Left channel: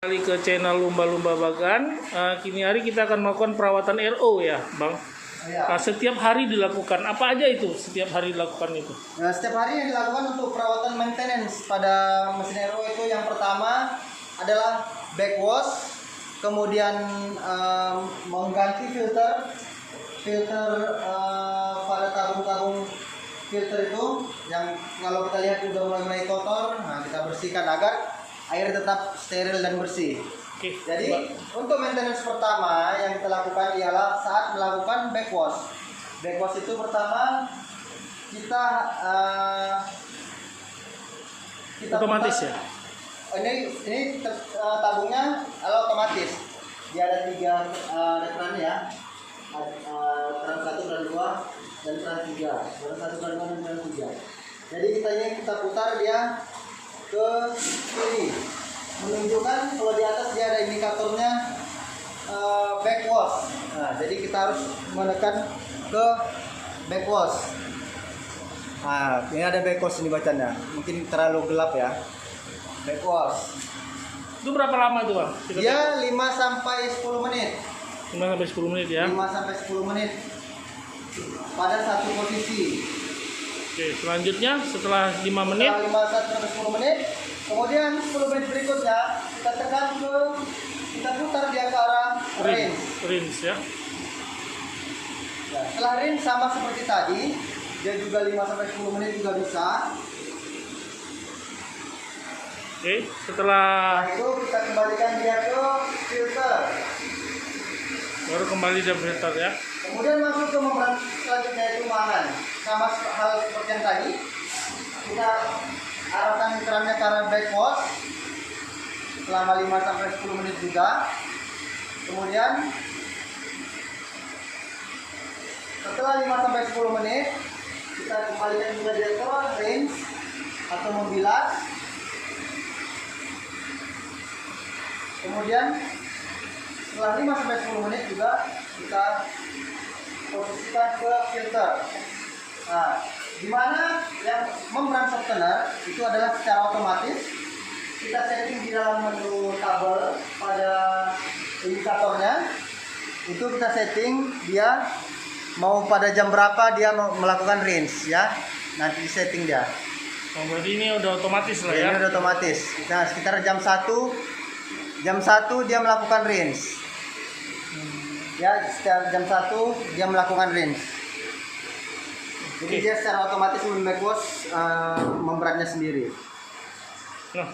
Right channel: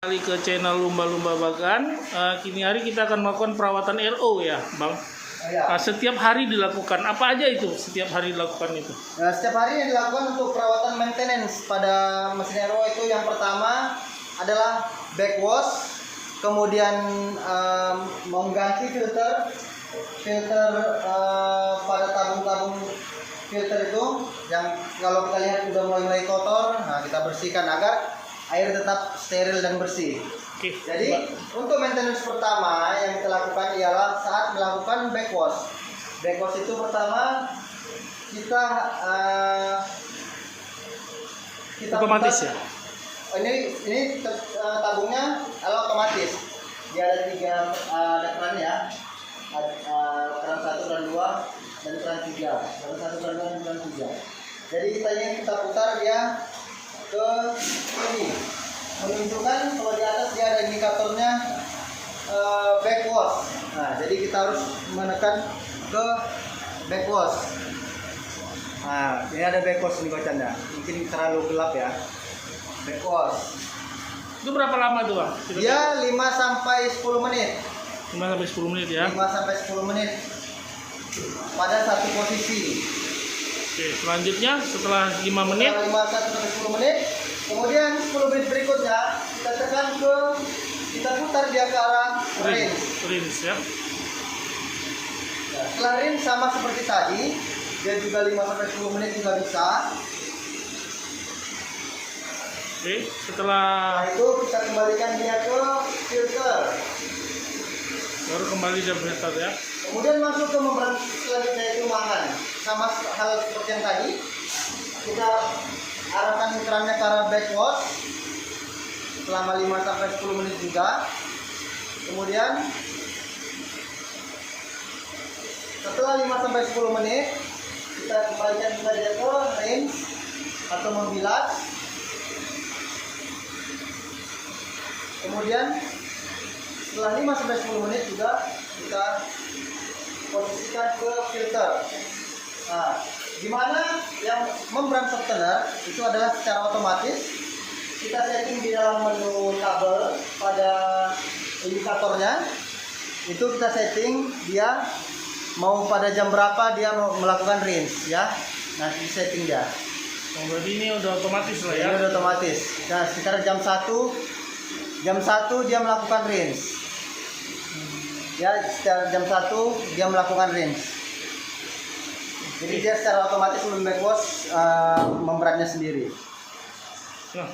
Kembali ke channel Lumba-Lumba Bagan. Kini hari kita akan melakukan perawatan RO ya, Bang. Ya. Setiap hari dilakukan. Apa aja itu? Setiap hari dilakukan itu? Nah, setiap hari yang dilakukan untuk perawatan maintenance pada mesin RO itu yang pertama adalah backwash, kemudian mengganti filter pada tabung-tabung filter itu yang kalau kita lihat sudah mulai kotor, nah kita bersihkan agar air tetap steril dan bersih. Oke. Jadi untuk maintenance pertama yang kita lakukan ialah saat melakukan backwash. Backwash itu pertama kita otomatis putar. ya? Ini tabungnya adalah otomatis. Dia ada tiga ada kerannya. Keran 1, keran 2, dan keran 3. Keran 1, keran 2, dan keran 3. Jadi kita putar dia ke sini, menunjukkan kalau di atas dia ada indikatornya backwash. Nah, jadi kita harus menekan ke backwash. Nah, ini ada backwash ini bacanya. Mungkin terlalu gelap ya. Backwash. Itu berapa lama itu, Bang? Dia 5 sampai 10 menit. 5 sampai 10 menit ya. 5 sampai 10 menit pada satu posisi. Oke, selanjutnya setelah 5 menit, Setelah 5 sampai 10 menit, kemudian 10 menit berikutnya kita tekan kita putar dia ke arah rinse. rinse ya. Nah, setelah rinse sama seperti tadi, dia juga 5 sampai 10 menit juga bisa. Oke, setelah Nah, itu kita kembalikan dia ke filter. baru kembali dan filter ya. Kemudian masuk ke membran selanjutnya itu mahan. Sama hal seperti yang tadi, kita arahkan kerannya ke arah backwash selama 5 sampai 10 menit juga. Kemudian setelah 5 sampai 10 menit kita kembalikan juga dia ke rinse atau membilas. Kemudian setelah 5 sampai 10 menit juga kita posisikan ke filter. Nah, di mana yang membran softener itu adalah secara otomatis kita setting di dalam menu tabel pada indikatornya. Itu kita setting dia mau pada jam berapa dia mau melakukan rinse ya. Nanti setting dia. Oh, berarti ini udah otomatis lah ya. Ini udah otomatis. Nah, sekitar jam 1 dia melakukan rinse. Ya, sekitar jam 1 dia melakukan rinse. Jadi dia secara otomatis backwash membrannya sendiri. Nah,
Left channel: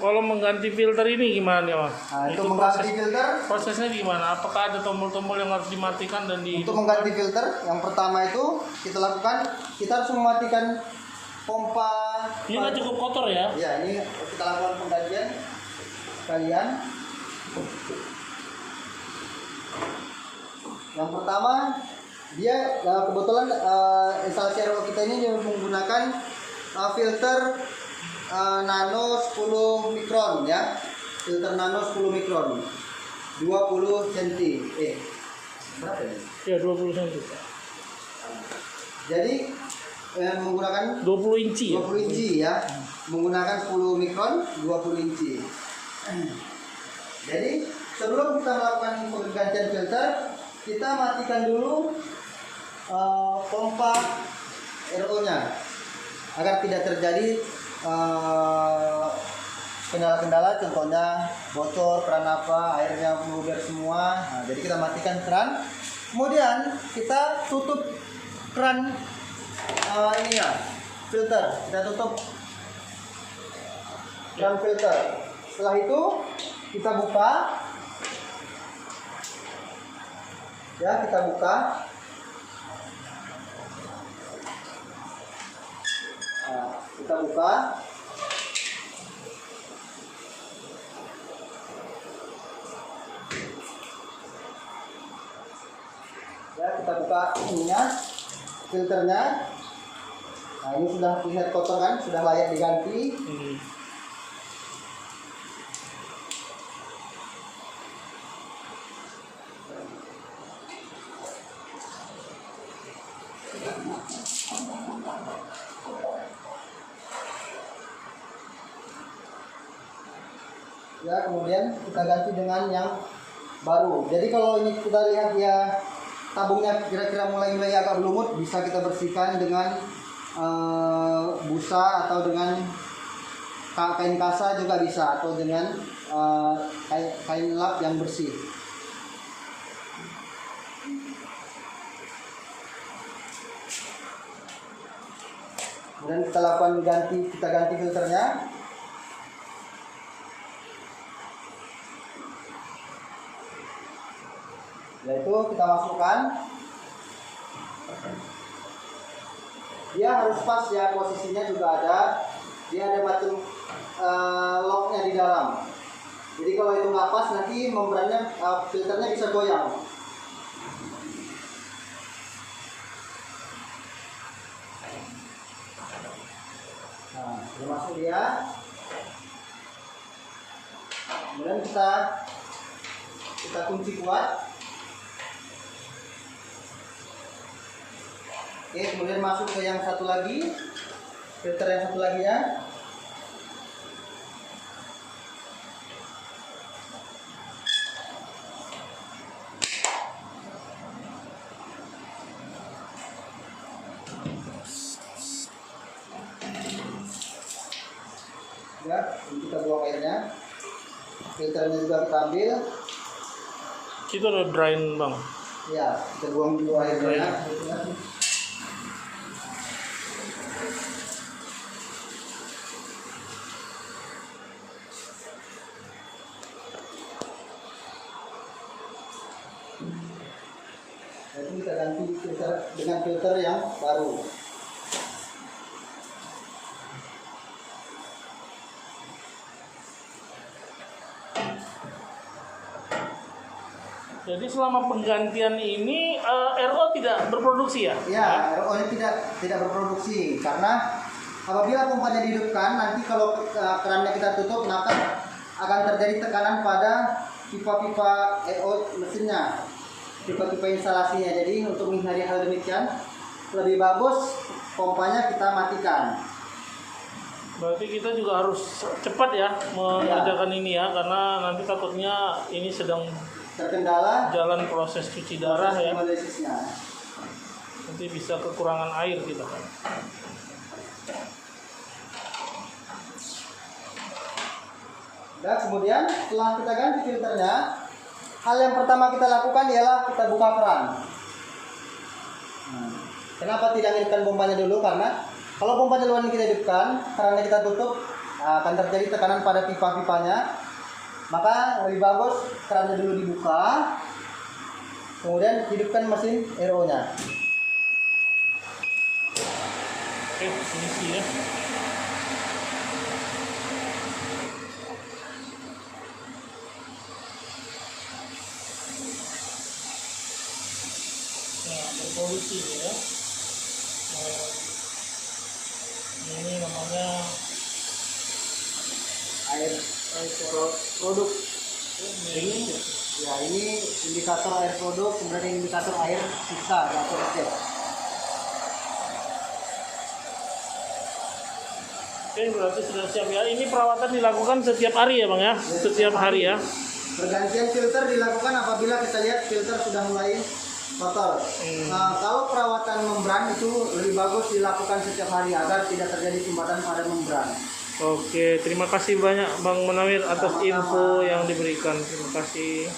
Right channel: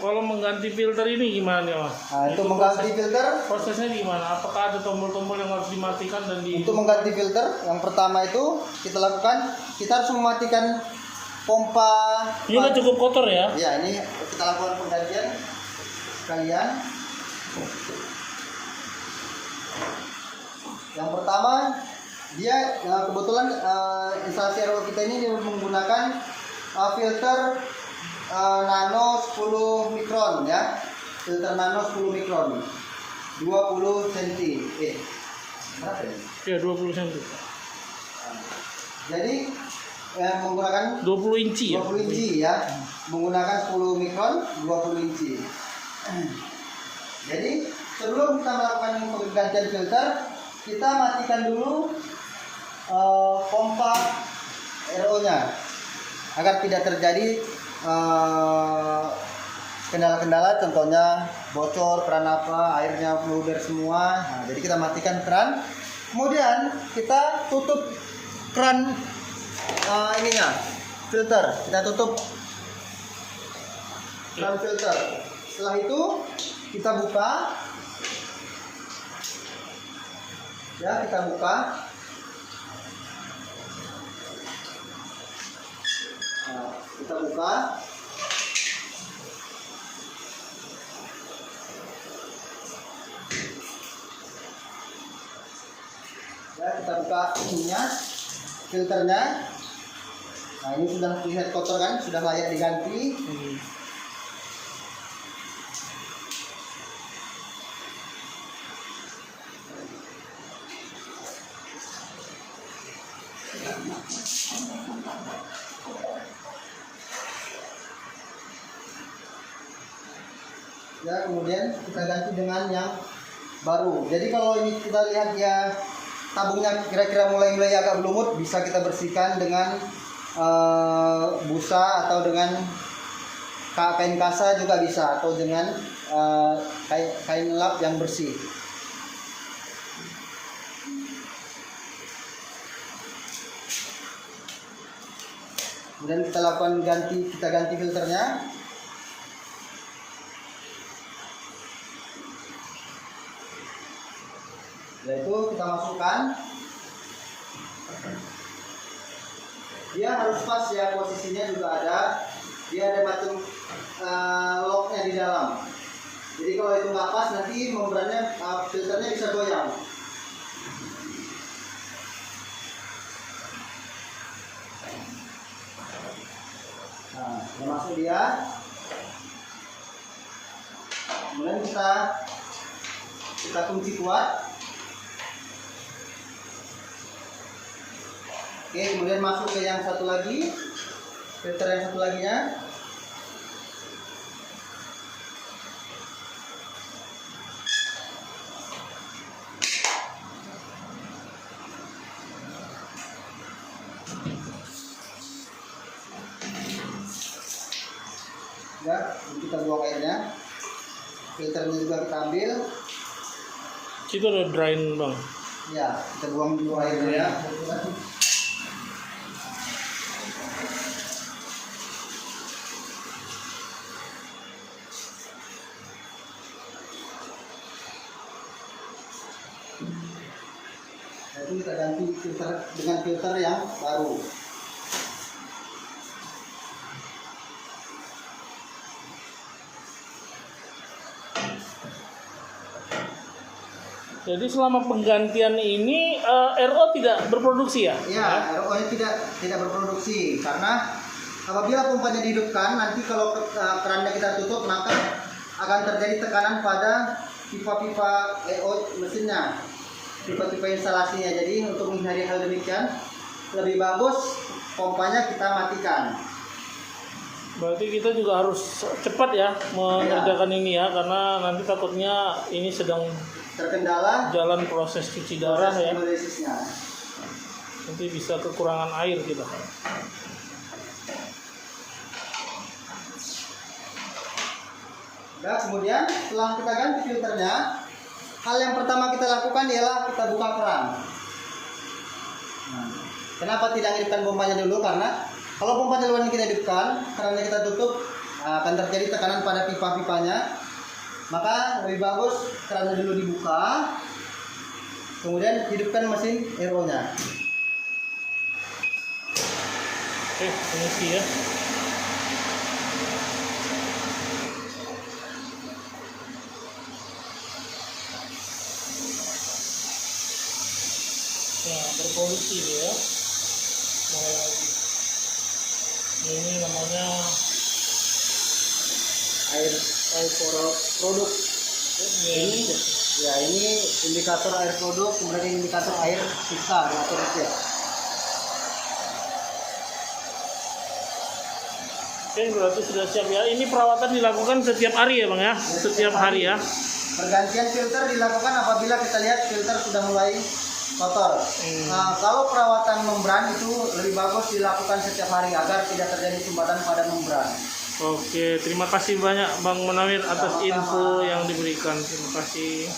kalau mengganti filter ini gimana ya, Mas? Nah, untuk mengganti filter, prosesnya gimana? Apakah ada tombol-tombol yang harus dimatikan dan untuk mengganti filter, yang pertama itu kita lakukan, kita harus mematikan pompa. Ini nggak cukup kotor ya? Ya, ini kita lakukan penggantian sekalian. Yang pertama, dia kebetulan instansi RO kita ini menggunakan filter nano 10 mikron ya. Filter nano 10 mikron. 20 cm. Berapa ya? Ya, 20 cm. Jadi menggunakan 20 inci ya? 20 inci ya. Menggunakan 10 mikron, 20 inci. Jadi sebelum kita melakukan penggantian filter, kita matikan dulu pompa RO-nya agar tidak terjadi kendala-kendala, contohnya bocor keran apa, airnya meluber semua. Nah, jadi kita matikan keran, kemudian kita tutup keran filter, kita tutup keran filter. Setelah itu kita buka. Ya, kita buka. Nah, kita buka. Ya, kita buka ininya, filternya. Nah, ini sudah terlihat kotor kan, sudah layak diganti. Ya, kemudian kita ganti dengan yang baru. Jadi kalau ini kita lihat ya tabungnya kira-kira mulai agak berlumut, bisa kita bersihkan dengan busa atau dengan kain kasa juga bisa, atau dengan kain lap yang bersih. Kemudian kita lakukan kita ganti filternya. Yaitu kita masukkan, dia harus pas ya, posisinya juga ada, dia ada batu locknya di dalam. Jadi kalau itu nggak pas nanti membrannya filternya bisa goyang. Nah, sudah masuk dia. Kemudian kita kunci kuat. Oke, kemudian masuk ke yang satu lagi, filter yang satu laginya. Ya, kita buang airnya. Filternya juga kita ambil. Itu udah drain bang. Ya, kita buang dulu airnya. Jadi kita ganti filter dengan filter yang baru. Jadi selama penggantian ini RO tidak berproduksi ya? Ya, RO-nya tidak berproduksi karena apabila pompanya dihidupkan, nanti kalau kerannya kita tutup, maka akan terjadi tekanan pada pipa-pipa RO mesinnya, pipa-pipa instalasinya. Jadi untuk menghindari hal demikian, lebih bagus pompanya kita matikan. Berarti kita juga harus cepat ya mengerjakan ini ya, karena nanti takutnya ini sedang terkendala jalan proses cuci darah ya. hemodisisnya. Nanti bisa kekurangan air kita. Nah, kemudian setelah kita ganti filternya, hal yang pertama kita lakukan ialah kita buka keran. Kenapa tidak hidupkan pompanya dulu? Karena kalau pompanya dulu kita hidupkan, kerannya kita tutup, akan terjadi tekanan pada pipa-pipanya. Maka lebih bagus kerannya dulu dibuka, kemudian hidupkan mesin RO-nya. Ini sih ya. Nah, berpolusi ya. Ini namanya Air produk. ini. Ini indikator air produk, kemudian indikator air sisa atau reses. Oke, berarti sudah siap ya. Ini perawatan dilakukan setiap hari ya bang ya? Setiap hari ya. Pergantian filter dilakukan apabila kita lihat filter sudah mulai kotor. Nah, kalau perawatan membran itu lebih bagus dilakukan setiap hari agar tidak terjadi sumbatan pada membran. Oke, terima kasih banyak Bang Munawir atas Sama-sama. info yang diberikan. Terima kasih.